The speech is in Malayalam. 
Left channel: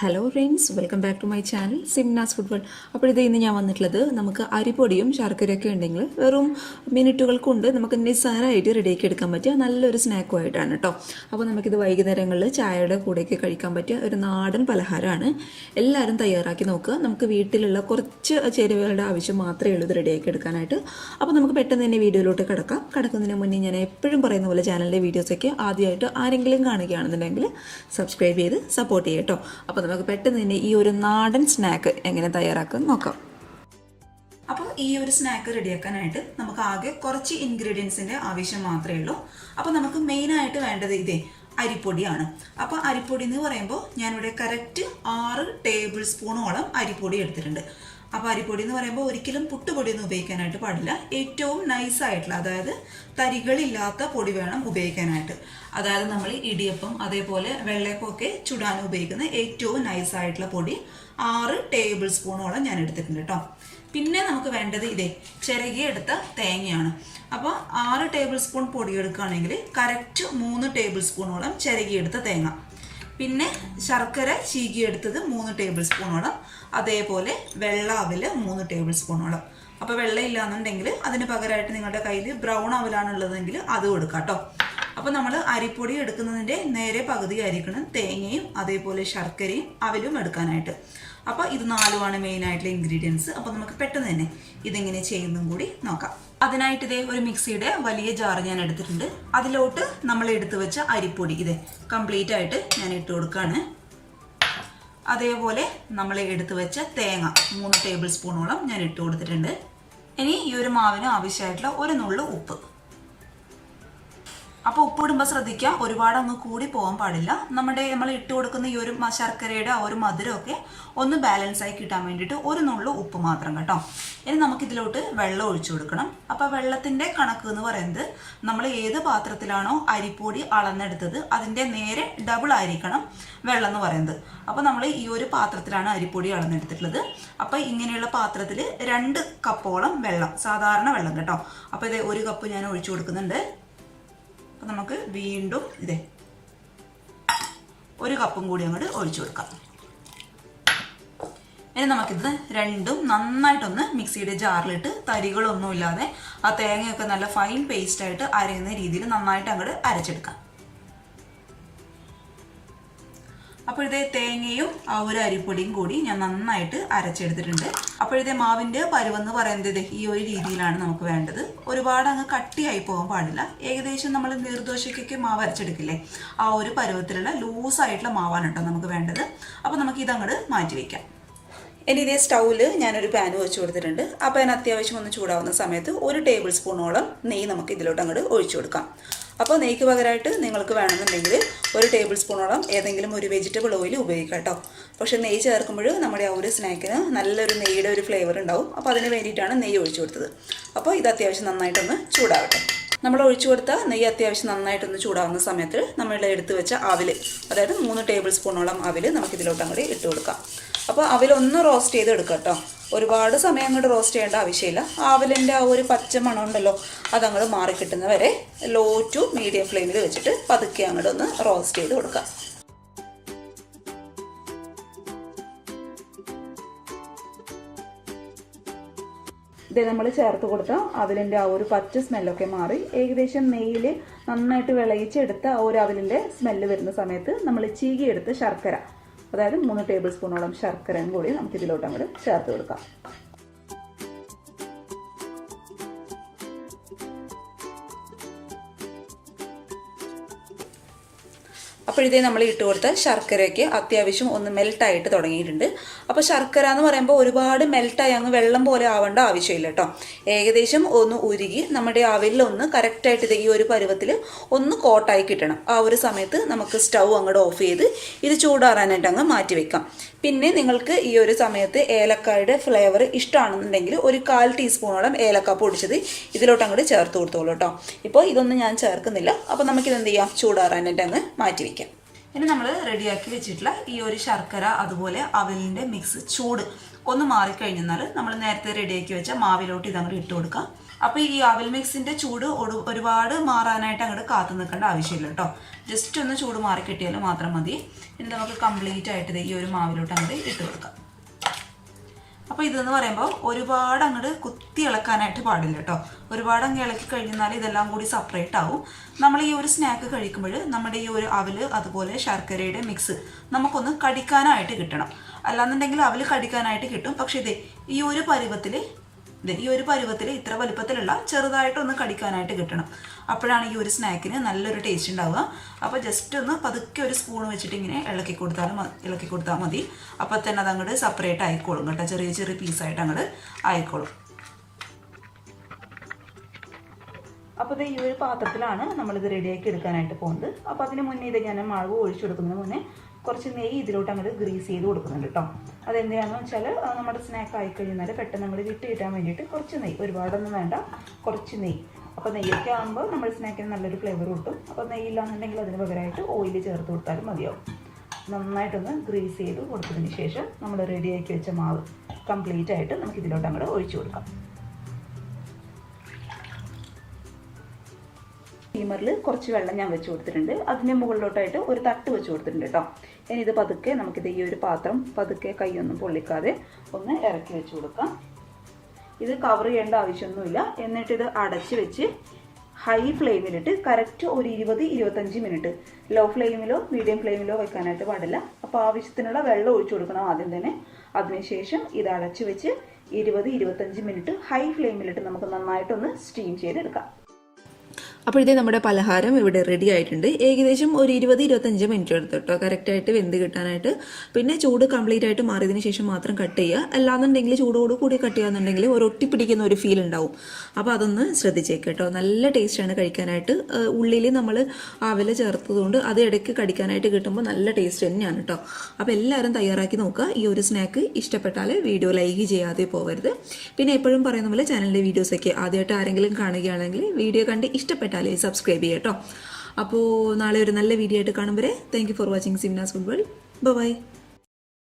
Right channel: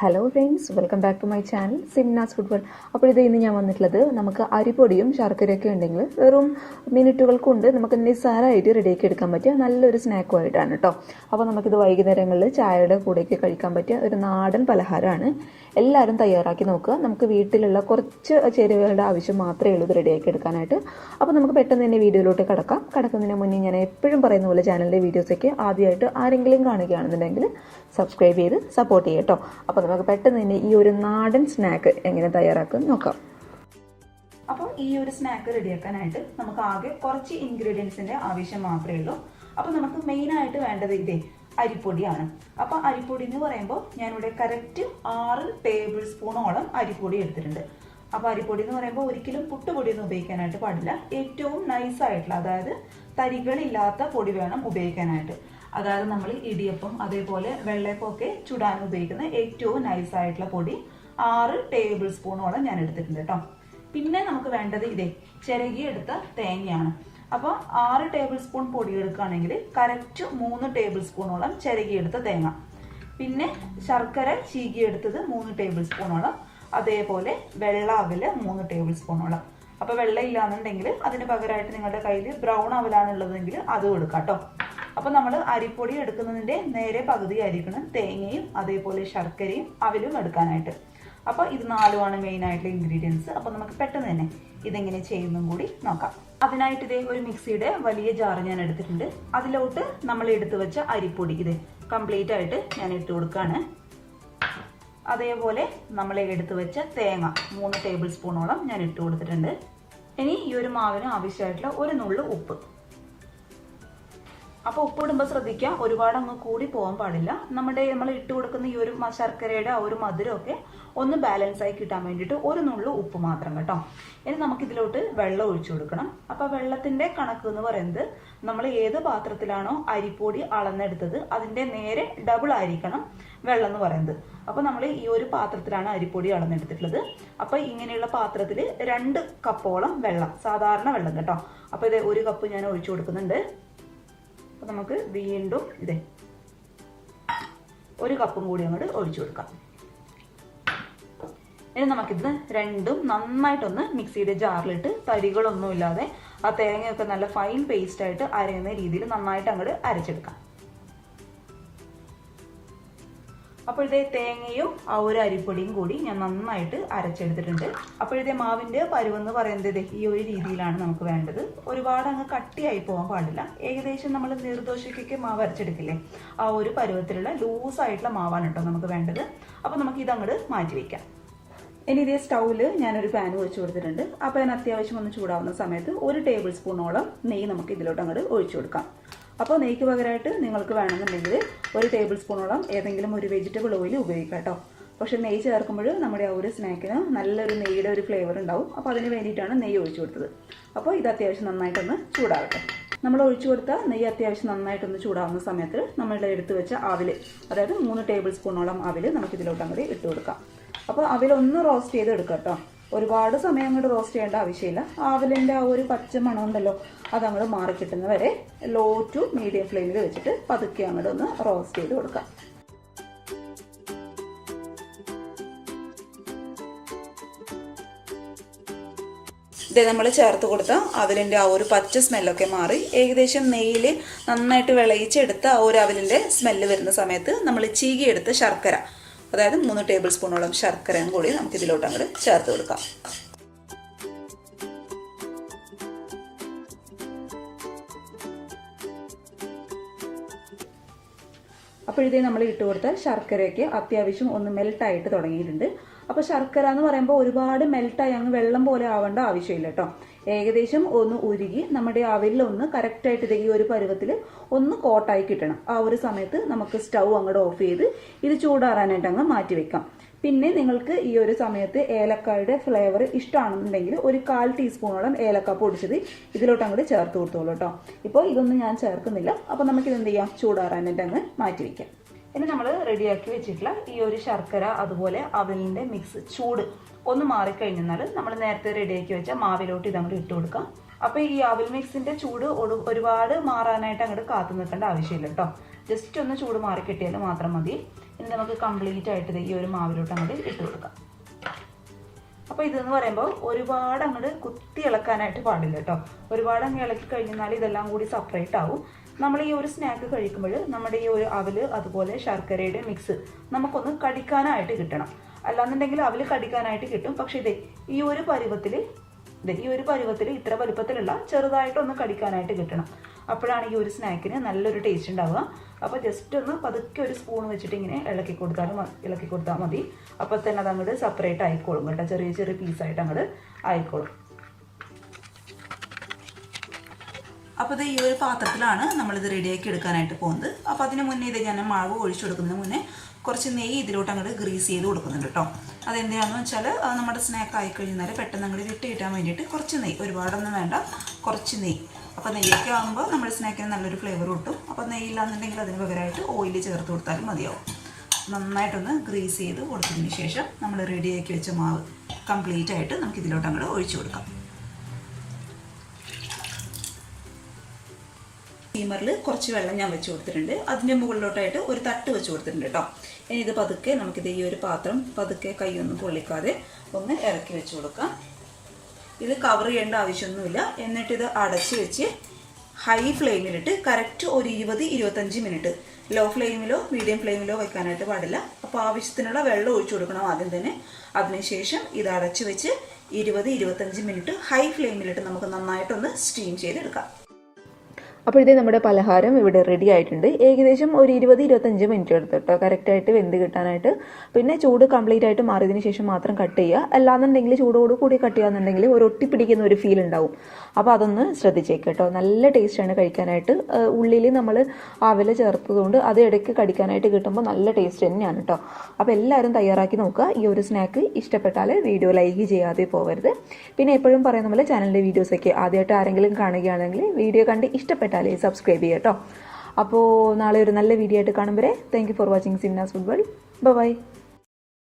Hello friends, welcome back to my channel Simna's food world. അപ്പോൾ ഇത് ഇന്ന് ഞാൻ വന്നിട്ടുള്ളത് നമുക്ക് അരിപ്പൊടിയും ശർക്കരയൊക്കെ ഉണ്ടെങ്കിൽ വെറും മിനിറ്റുകൾ കൊണ്ട് നമുക്ക് നിസ്സാരമായിട്ട് റെഡിയാക്കി എടുക്കാൻ പറ്റിയ നല്ലൊരു സ്നാക്കുമായിട്ടാണ് കേട്ടോ. അപ്പോൾ നമുക്കിത് വൈകുന്നേരങ്ങളിൽ ചായയുടെ കൂടെയൊക്കെ കഴിക്കാൻ പറ്റിയ ഒരു നാടൻ പലഹാരമാണ്. എല്ലാവരും തയ്യാറാക്കി നോക്കുക. നമുക്ക് വീട്ടിലുള്ള കുറച്ച് ചേരുവകളുടെ ആവശ്യം മാത്രമേ ഉള്ളൂ ഇത് റെഡിയാക്കി എടുക്കാനായിട്ട്. അപ്പോൾ നമുക്ക് പെട്ടെന്ന് തന്നെ വീഡിയോയിലോട്ട് കടക്കുന്നതിന് മുന്നേ ഞാൻ എപ്പോഴും പറയുന്ന പോലെ ചാനലിൻ്റെ വീഡിയോസൊക്കെ ആദ്യമായിട്ട് ആരെങ്കിലും കാണുകയാണെന്നുണ്ടെങ്കിൽ സബ്സ്ക്രൈബ് ചെയ്ത് സപ്പോർട്ട് ചെയ്യുക കേട്ടോ. അപ്പോൾ നമുക്ക് പെട്ടെന്ന് തന്നെ ഈ ഒരു നാടൻ സ്നാക്ക് എങ്ങനെ തയ്യാറാക്കും നോക്കാം. അപ്പോൾ ഈ ഒരു സ്നാക്ക് റെഡിയാക്കാനായിട്ട് നമുക്ക് ആകെ കുറച്ച് ഇൻഗ്രീഡിയൻസിൻ്റെ ആവശ്യം മാത്രമേ ഉള്ളൂ. അപ്പോൾ നമുക്ക് മെയിനായിട്ട് വേണ്ടത് ഇതേ അരിപ്പൊടിയാണ്. അപ്പോൾ അരിപ്പൊടി എന്ന് പറയുമ്പോൾ ഞാനിവിടെ കറക്റ്റ് 6 ടേബിൾ സ്പൂണോളം അരിപ്പൊടി എടുത്തിട്ടുണ്ട്. അപ്പോൾ അരിപ്പൊടി എന്ന് പറയുമ്പോൾ ഒരിക്കലും പുട്ടുപൊടിയൊന്നും ഉപയോഗിക്കാനായിട്ട് പാടില്ല. ഏറ്റവും നൈസായിട്ടുള്ള, അതായത് തരികളില്ലാത്ത പൊടി വേണം ഉപയോഗിക്കാനായിട്ട്. അതായത് നമ്മൾ ഇടിയപ്പം അതേപോലെ വെള്ളയപ്പമൊക്കെ ചുടാൻ ഉപയോഗിക്കുന്ന ഏറ്റവും നൈസായിട്ടുള്ള പൊടി 6 ടേബിൾ സ്പൂണോളം ഞാൻ എടുത്തിട്ടുണ്ട് കേട്ടോ. പിന്നെ നമുക്ക് വേണ്ടത് ഇതേ ചിരകിയെടുത്ത തേങ്ങയാണ്. അപ്പോൾ 6 ടേബിൾ സ്പൂൺ പൊടി എടുക്കുകയാണെങ്കിൽ കറക്റ്റ് 3 ടേബിൾ സ്പൂണോളം ചിരകിയെടുത്ത തേങ്ങ. പിന്നെ ശർക്കര ചീകിയെടുത്തത് 3 ടേബിൾ സ്പൂണോളം, അതേപോലെ വെള്ള അവൽ 3 ടേബിൾ സ്പൂണോളം. അപ്പോൾ വെള്ളം ഇല്ലാന്നുണ്ടെങ്കിൽ അതിന് പകരമായിട്ട് നിങ്ങളുടെ കയ്യിൽ ബ്രൗൺ അവലാണുള്ളതെങ്കിൽ അത് കൊടുക്കാം കേട്ടോ. അപ്പോൾ നമ്മൾ അരിപ്പൊടി എടുക്കുന്നതിൻ്റെ നേരെ പകുതി ആയിരിക്കണം തേങ്ങയും അതേപോലെ ശർക്കരയും അവലും എടുക്കാനായിട്ട്. അപ്പോൾ ഇത് 4മാണ് മെയിനായിട്ടുള്ള ഇൻഗ്രീഡിയൻസ്. അപ്പോൾ നമുക്ക് പെട്ടെന്ന് തന്നെ ഇതെങ്ങനെ ചെയ്യുന്നതും കൂടി നോക്കാം. അതിനായിട്ട് ഇതേ ഒരു മിക്സിയുടെ വലിയ ജാർ ഞാൻ എടുത്തിട്ടുണ്ട്. അതിലോട്ട് നമ്മൾ എടുത്തു വെച്ച അരിപ്പൊടി ഇതേ കംപ്ലീറ്റ് ആയിട്ട് ഞാൻ ഇട്ട് കൊടുക്കുകയാണ്. അതേപോലെ നമ്മൾ എടുത്തു വെച്ച തേങ്ങ 3 ടേബിൾ സ്പൂണോളം ഞാൻ ഇട്ട് കൊടുത്തിട്ടുണ്ട്. ഇനി ഈ ഒരു മാവിന് ആവശ്യമായിട്ടുള്ള ഒരു നുള്ളു ഉപ്പ്. അപ്പോൾ ഉപ്പ് ഇടുമ്പോൾ ശ്രദ്ധിക്കുക, ഒരുപാട് അങ്ങ് കൂടി പോകാൻ പാടില്ല. നമ്മൾ ഇട്ട് കൊടുക്കുന്ന ഈ ഒരു ശർക്കരയുടെ ആ ഒരു മധുരമൊക്കെ ഒന്ന് ബാലൻസ് ആയി കിട്ടാൻ വേണ്ടിയിട്ട് ഒരു നുള്ളു ഉപ്പ് മാത്രം കേട്ടോ. ഇനി നമുക്കിതിലോട്ട് വെള്ളം ഒഴിച്ചു കൊടുക്കണം. അപ്പോൾ വെള്ളത്തിൻ്റെ കണക്ക് എന്ന് പറയുന്നത് നമ്മൾ ഏത് പാത്രത്തിലാണോ അരിപ്പൊടി അളന്നെടുത്തത് അതിൻ്റെ നേരെ ഡബിൾ ആയിരിക്കണം വെള്ളം എന്ന് പറയുന്നത്. അപ്പോൾ നമ്മൾ ഈ ഒരു പാത്രത്തിലാണ് അരിപ്പൊടി അളന്നെടുത്തിട്ടുള്ളത്. അപ്പോൾ ഇങ്ങനെയുള്ള പാത്രത്തിൽ 2 കപ്പോളം വെള്ളം, സാധാരണ വെള്ളം കേട്ടോ. അപ്പോൾ ഇത് 1 കപ്പ് ഞാൻ ഒഴിച്ചു കൊടുക്കുന്നുണ്ട്. അപ്പോൾ നമുക്ക് വീണ്ടും ഇതേ 1 കപ്പും കൂടി അങ്ങോട്ട് ഒഴിച്ചു കൊടുക്കാം. ഇനി നമുക്കിത് രണ്ടും നന്നായിട്ടൊന്ന് മിക്സിയുടെ ജാറിലിട്ട് തരികളൊന്നുമില്ലാതെ ആ തേങ്ങയൊക്കെ നല്ല ഫൈൻ പേസ്റ്റായിട്ട് അരയുന്ന രീതിയിൽ നന്നായിട്ട് അങ്ങോട്ട് അരച്ചെടുക്കാം. അപ്പോഴത്തെ തേങ്ങയും ആ ഒരു അരിപ്പൊടിയും കൂടി ഞാൻ നന്നായിട്ട് അരച്ചെടുത്തിട്ടുണ്ട്. അപ്പോഴത്തെ മാവിൻ്റെ പരുവെന്ന് പറയുന്നത് ഈ ഒരു രീതിയിലാണ് നമുക്ക് വേണ്ടത്. ഒരുപാട് അങ്ങ് കട്ടിയായി പോകാൻ പാടില്ല. ഏകദേശം നമ്മൾ നീർദോശയ്ക്കൊക്കെ മാവ് അരച്ചെടുക്കില്ലേ, ആ ഒരു പരുവത്തിലുള്ള ലൂസായിട്ടുള്ള മാവാണ് കേട്ടോ നമുക്ക് വേണ്ടത്. അപ്പോൾ നമുക്ക് ഇതങ്ങോട്ട് മാറ്റി വയ്ക്കാം. ഇനി ഇതേ സ്റ്റൗവിൽ ഞാനൊരു പാൻ വെച്ച് കൊടുത്തിട്ടുണ്ട്. ആ പാൻ അത്യാവശ്യം ഒന്ന് ചൂടാവുന്ന സമയത്ത് 1 ടേബിൾ സ്പൂണോളം നെയ്യ് നമുക്ക് ഇതിലോട്ട് അങ്ങോട്ട് ഒഴിച്ചു കൊടുക്കാം. അപ്പോൾ നെയ്ക്ക് പകരമായിട്ട് നിങ്ങൾക്ക് വേണമെന്നുണ്ടെങ്കിൽ 1 ടേബിൾ സ്പൂണോളം ഏതെങ്കിലും ഒരു വെജിറ്റബിൾ ഓയിൽ ഉപയോഗിക്കാം കേട്ടോ. പക്ഷേ നെയ്യ് ചേർക്കുമ്പോൾ നമ്മുടെ ആ ഒരു സ്നാക്കിന് നല്ലൊരു നെയ്യുടെ ഒരു ഫ്ലേവർ ഉണ്ടാവും. അപ്പോൾ അതിന് വേണ്ടിയിട്ടാണ് നെയ്യ് ഒഴിച്ചു കൊടുത്തത്. അപ്പോൾ ഇത് അത്യാവശ്യം നന്നായിട്ടൊന്ന് ചൂടാവട്ടെ. നമ്മൾ ഒഴിച്ചു കൊടുത്ത നെയ്യ് അത്യാവശ്യം നന്നായിട്ടൊന്ന് ചൂടാവുന്ന സമയത്ത് നമ്മൾ എടുത്ത് വെച്ച അവിൽ, അതായത് 3 ടേബിൾ സ്പൂണോളം അവിൽ നമുക്കിതിലോട്ട് അങ്ങോട്ട് ഇട്ട് കൊടുക്കാം. അപ്പോൾ അവിലൊന്ന് റോസ്റ്റ് ചെയ്ത് എടുക്കുക കേട്ടോ. ഒരുപാട് സമയം അങ്ങോട്ട് റോസ്റ്റ് ചെയ്യേണ്ട ആവശ്യമില്ല. ആവിലിൻ്റെ ആ ഒരു പച്ച മണം ഉണ്ടല്ലോ അതങ്ങോട്ട് മാറി കിട്ടുന്നവരെ ലോ ടു മീഡിയം ഫ്ലെയിമിൽ വെച്ചിട്ട് പതുക്കെ അങ്ങോട്ട് ഒന്ന് റോസ്റ്റ് ചെയ്ത് കൊടുക്കാം. ഇത് നമ്മൾ ചേർത്ത് കൊടുത്ത അവലിൻ്റെ ആ ഒരു പച്ച സ്മെല്ലൊക്കെ മാറി ഏകദേശം നെയ്യിൽ നന്നായിട്ട് വിളയിച്ചെടുത്ത ആ ഒരു അവലിൻ്റെ സ്മെല്ല് വരുന്ന സമയത്ത് നമ്മൾ ചീകിയെടുത്ത ശർക്കര, അതായത് 3 ടേബിൾ സ്പൂണോളം ശർക്കരയും കൂടി നമുക്കിതിലോട്ട് അങ്ങോട്ട് ചേർത്ത് കൊടുക്കാം. അപ്പോഴത്തേ നമ്മൾ ഇട്ട് കൊടുത്ത ശർക്കരയ്ക്ക് അത്യാവശ്യം ഒന്ന് മെൽട്ടായിട്ട് തുടങ്ങിയിട്ടുണ്ട്. അപ്പോൾ ശർക്കര എന്ന് പറയുമ്പോൾ ഒരുപാട് മെൽട്ടായി അങ്ങ് വെള്ളം പോലെ ആവേണ്ട ആവശ്യമില്ല കേട്ടോ. ഏകദേശം ഒന്ന് ഉരുകി നമ്മുടെ അവലിലൊന്ന് കറക്റ്റായിട്ട് ഈ ഒരു പരുവത്തിൽ ഒന്ന് കോട്ടായി കിട്ടണം. ആ ഒരു സമയത്ത് നമുക്ക് സ്റ്റൗ അങ്ങോട്ട് ഓഫ് ചെയ്ത് ഇത് ചൂടാറാനായിട്ട് അങ്ങ് മാറ്റി വെക്കാം. പിന്നെ നിങ്ങൾക്ക് ഈ ഒരു സമയത്ത് ഏലക്കായുടെ ഫ്ലേവർ ഇഷ്ടമാണെന്നുണ്ടെങ്കിൽ 1/4 ടീസ്പൂണോളം ഏലക്ക പൊടിച്ചത് ഇതിലോട്ട് അങ്ങോട്ട് ചേർത്ത് കൊടുത്തോളൂ കേട്ടോ. ഇപ്പോൾ ഇതൊന്നും ഞാൻ ചേർക്കുന്നില്ല. അപ്പോൾ നമുക്കിതെന്ത് ചെയ്യാം, ചൂടാറാനായിട്ട് അങ്ങ് മാറ്റി വയ്ക്കാം. ഇനി നമ്മൾ റെഡിയാക്കി വെച്ചിട്ടുള്ള ഈ ഒരു ശർക്കര അതുപോലെ അവലിൻ്റെ മിക്സ് ചൂട് ഒന്ന് മാറിക്കഴിഞ്ഞാൽ നമ്മൾ നേരത്തെ റെഡിയാക്കി വെച്ച മാവിലോട്ട് ഇതങ്ങോട്ട് ഇട്ട് കൊടുക്കാം. അപ്പോൾ ഈ അവിൽ മിക്സിൻ്റെ ചൂട് ഒരുപാട് മാറാനായിട്ട് അങ്ങോട്ട് കാത്തു നിൽക്കേണ്ട ആവശ്യമില്ല കേട്ടോ. ജസ്റ്റ് ഒന്ന് ചൂട് മാറി കിട്ടിയാൽ മാത്രം മതി. ഇനി നമുക്ക് കംപ്ലീറ്റ് ആയിട്ട് ഈ ഒരു മാവിലോട്ട് അങ്ങോട്ട് ഇട്ട് കൊടുക്കാം. അപ്പോൾ ഇതെന്ന് പറയുമ്പോൾ ഒരുപാട് അങ്ങോട്ട് കുത്തി ഇളക്കാനായിട്ട് പാടില്ല കേട്ടോ. ഒരുപാട് അങ്ങ് ഇളക്കി കഴിഞ്ഞാൽ ഇതെല്ലാം കൂടി സെപ്പറേറ്റ് ആവും. നമ്മൾ ഈ ഒരു സ്നാക്ക് കഴിക്കുമ്പോൾ നമ്മുടെ ഈ ഒരു അവൽ അതുപോലെ ശർക്കരയുടെ മിക്സ് നമുക്കൊന്ന് കടിക്കാനായിട്ട് കിട്ടണം. അല്ലാന്നുണ്ടെങ്കിൽ അവൽ കടിക്കാനായിട്ട് കിട്ടും. പക്ഷേ ഈ ഒരു പരുവത്തിൽ ഇത്ര വലുപ്പത്തിലുള്ള ചെറുതായിട്ടൊന്ന് കടിക്കാനായിട്ട് കിട്ടണം. അപ്പോഴാണ് ഈ ഒരു സ്നാക്കിന് നല്ലൊരു ടേസ്റ്റ് ഉണ്ടാവുക. അപ്പോൾ ജസ്റ്റ് ഒന്ന് പതുക്കെ ഒരു സ്പൂൺ വെച്ചിട്ട് ഇങ്ങനെ ഇളക്കി കൊടുത്താൽ മതി. അപ്പോൾ തന്നെ അത് അങ്ങോട്ട് സെപ്പറേറ്റ് ആയിക്കോളും കേട്ടോ. ചെറിയ ചെറിയ പീസായിട്ട് അങ്ങോട്ട് ആയിക്കോളും. അപ്പോൾ ഈ ഒരു പാത്രത്തിലാണ് നമ്മളിത് റെഡിയാക്കി എടുക്കാനായിട്ട് പോകുന്നത്. അപ്പോൾ അതിന് മുന്നേ ഞാൻ മാവ് ഒഴിച്ചു കൊടുക്കുന്നതിന് മുന്നേ കുറച്ച് നെയ്യ് ഇതിലോട്ട് അങ്ങോട്ട് ഗ്രീസ് ചെയ്ത് കൊടുക്കുന്നുണ്ട് കേട്ടോ. അതെന്തിനാണെന്ന് വെച്ചാൽ നമ്മുടെ സ്നാക്ക് ആയിക്കഴിഞ്ഞാൽ പെട്ടെന്ന് അങ്ങോട്ട് വിട്ട് കിട്ടാൻ വേണ്ടിയിട്ട് കുറച്ച് നെയ്യ്, ഒരുപാടൊന്നും വേണ്ട, കുറച്ച് നെയ്യ്. അപ്പോൾ നെയ്യൊക്കെ ആകുമ്പോൾ നമ്മുടെ സ്നാക്കിന് നല്ലൊരു ഫ്ലേവർ കിട്ടും. അപ്പോൾ നെയ്യില്ലാന്നുണ്ടെങ്കിൽ അതിന് പകരമായിട്ട് ഓയിൽ ചേർത്ത് കൊടുത്താലും മതിയാവും. നന്നായിട്ടൊന്ന് ഗ്രീസ് ചെയ്ത് കൊടുത്തതിന് ശേഷം നമ്മൾ റെഡിയാക്കി വെച്ച മാവ് കംപ്ലീറ്റ് ആയിട്ട് നമുക്ക് ഇതിലോട്ട് അങ്ങോട്ട് ഒഴിച്ചു കൊടുക്കാം. സ്റ്റീമറിൽ കുറച്ച് വെള്ളം ഞാൻ വെച്ച് കൊടുത്തിട്ടുണ്ട്. അതിൻ്റെ മുകളിലോട്ടായിട്ട് ഒരു തട്ട് വെച്ച് കൊടുത്തിട്ടുണ്ട് കേട്ടോ. ഇനി ഇത് പതുക്കെ നമുക്കിത് ഈ ഒരു പാത്രം പതുക്കെ കൈയൊന്നും പൊള്ളിക്കാതെ ഒന്ന് ഇറക്കി വെച്ച് കൊടുക്കാം. ഇത് കവർ ചെയ്യേണ്ട ആവശ്യമൊന്നുമില്ല. എന്നിട്ടിത് അടച്ച് വെച്ച് ഹൈ ഫ്ലെയിമിലിട്ട് കറക്റ്റ് ഒരു 20-25 മിനിറ്റ്, ലോ ഫ്ലെയിമിലോ മീഡിയം ഫ്ലെയിമിലോ വെക്കാനായിട്ട് പാടില്ല. അപ്പോൾ ആവശ്യത്തിനുള്ള വെള്ളം ഒഴിച്ചു കൊടുക്കണം ആദ്യം തന്നെ. അതിനുശേഷം ഇത് അടച്ച് വെച്ച് 20-25 മിനിറ്റ് ഹൈ ഫ്ലെയിമിലിട്ട് നമുക്ക് നന്നായിട്ടൊന്ന് സ്റ്റീം ചെയ്തെടുക്കാം. അപ്പോൾ ഇത് നമ്മുടെ പലഹാരം ഇവിടെ റെഡി ആയിട്ടുണ്ട്. ഏകദേശം ഒരു 20-25 മിനിറ്റ് എടുത്തു കേട്ടോ കറക്റ്റായിട്ട് വെന്ത് കിട്ടാനായിട്ട്. പിന്നെ ചൂട് കംപ്ലീറ്റ് ആയിട്ട് മാറിയതിന് ശേഷം മാത്രം കട്ട് ചെയ്യുക. അല്ലാന്നുണ്ടെങ്കിൽ ചൂടോട് കൂടി കട്ട് ചെയ്യാന്നുണ്ടെങ്കിൽ ഒരു ഒട്ടിപ്പിടിക്കുന്ന ഒരു ഫീൽ ഉണ്ടാവും. അപ്പോൾ അതൊന്ന് ശ്രദ്ധിച്ചേക്ക് കേട്ടോ. നല്ല ടേസ്റ്റാണ് കഴിക്കാനായിട്ട്. ഉള്ളിൽ നമ്മൾ അവൽ ചേർത്തതുകൊണ്ട് അത് ഇടയ്ക്ക് കടിക്കാനായിട്ട് കിട്ടുമ്പോൾ നല്ല ടേസ്റ്റ് തന്നെയാണ് കേട്ടോ. അപ്പോൾ എല്ലാവരും തയ്യാറാക്കി നോക്കുക. ഈ ഒരു സ്നാക്ക് ഇഷ്ടപ്പെട്ടാൽ വീഡിയോ ലൈക്ക് ചെയ്യാതെ പോകരുത്. പിന്നെ എപ്പോഴും പറയുന്ന പോലെ ചാനലിൻ്റെ വീഡിയോസൊക്കെ ആദ്യമായിട്ട് ആരെങ്കിലും കാണുകയാണെങ്കിൽ വീഡിയോ കണ്ട് ഇഷ്ടപ്പെട്ടാൽ സബ്സ്ക്രൈബ് ചെയ്യുക കേട്ടോ. അപ്പോൾ നാളെ ഒരു നല്ല വീഡിയോ ആയിട്ട് കാണുമ്പോൾ thank you for watching Simna's food world. By.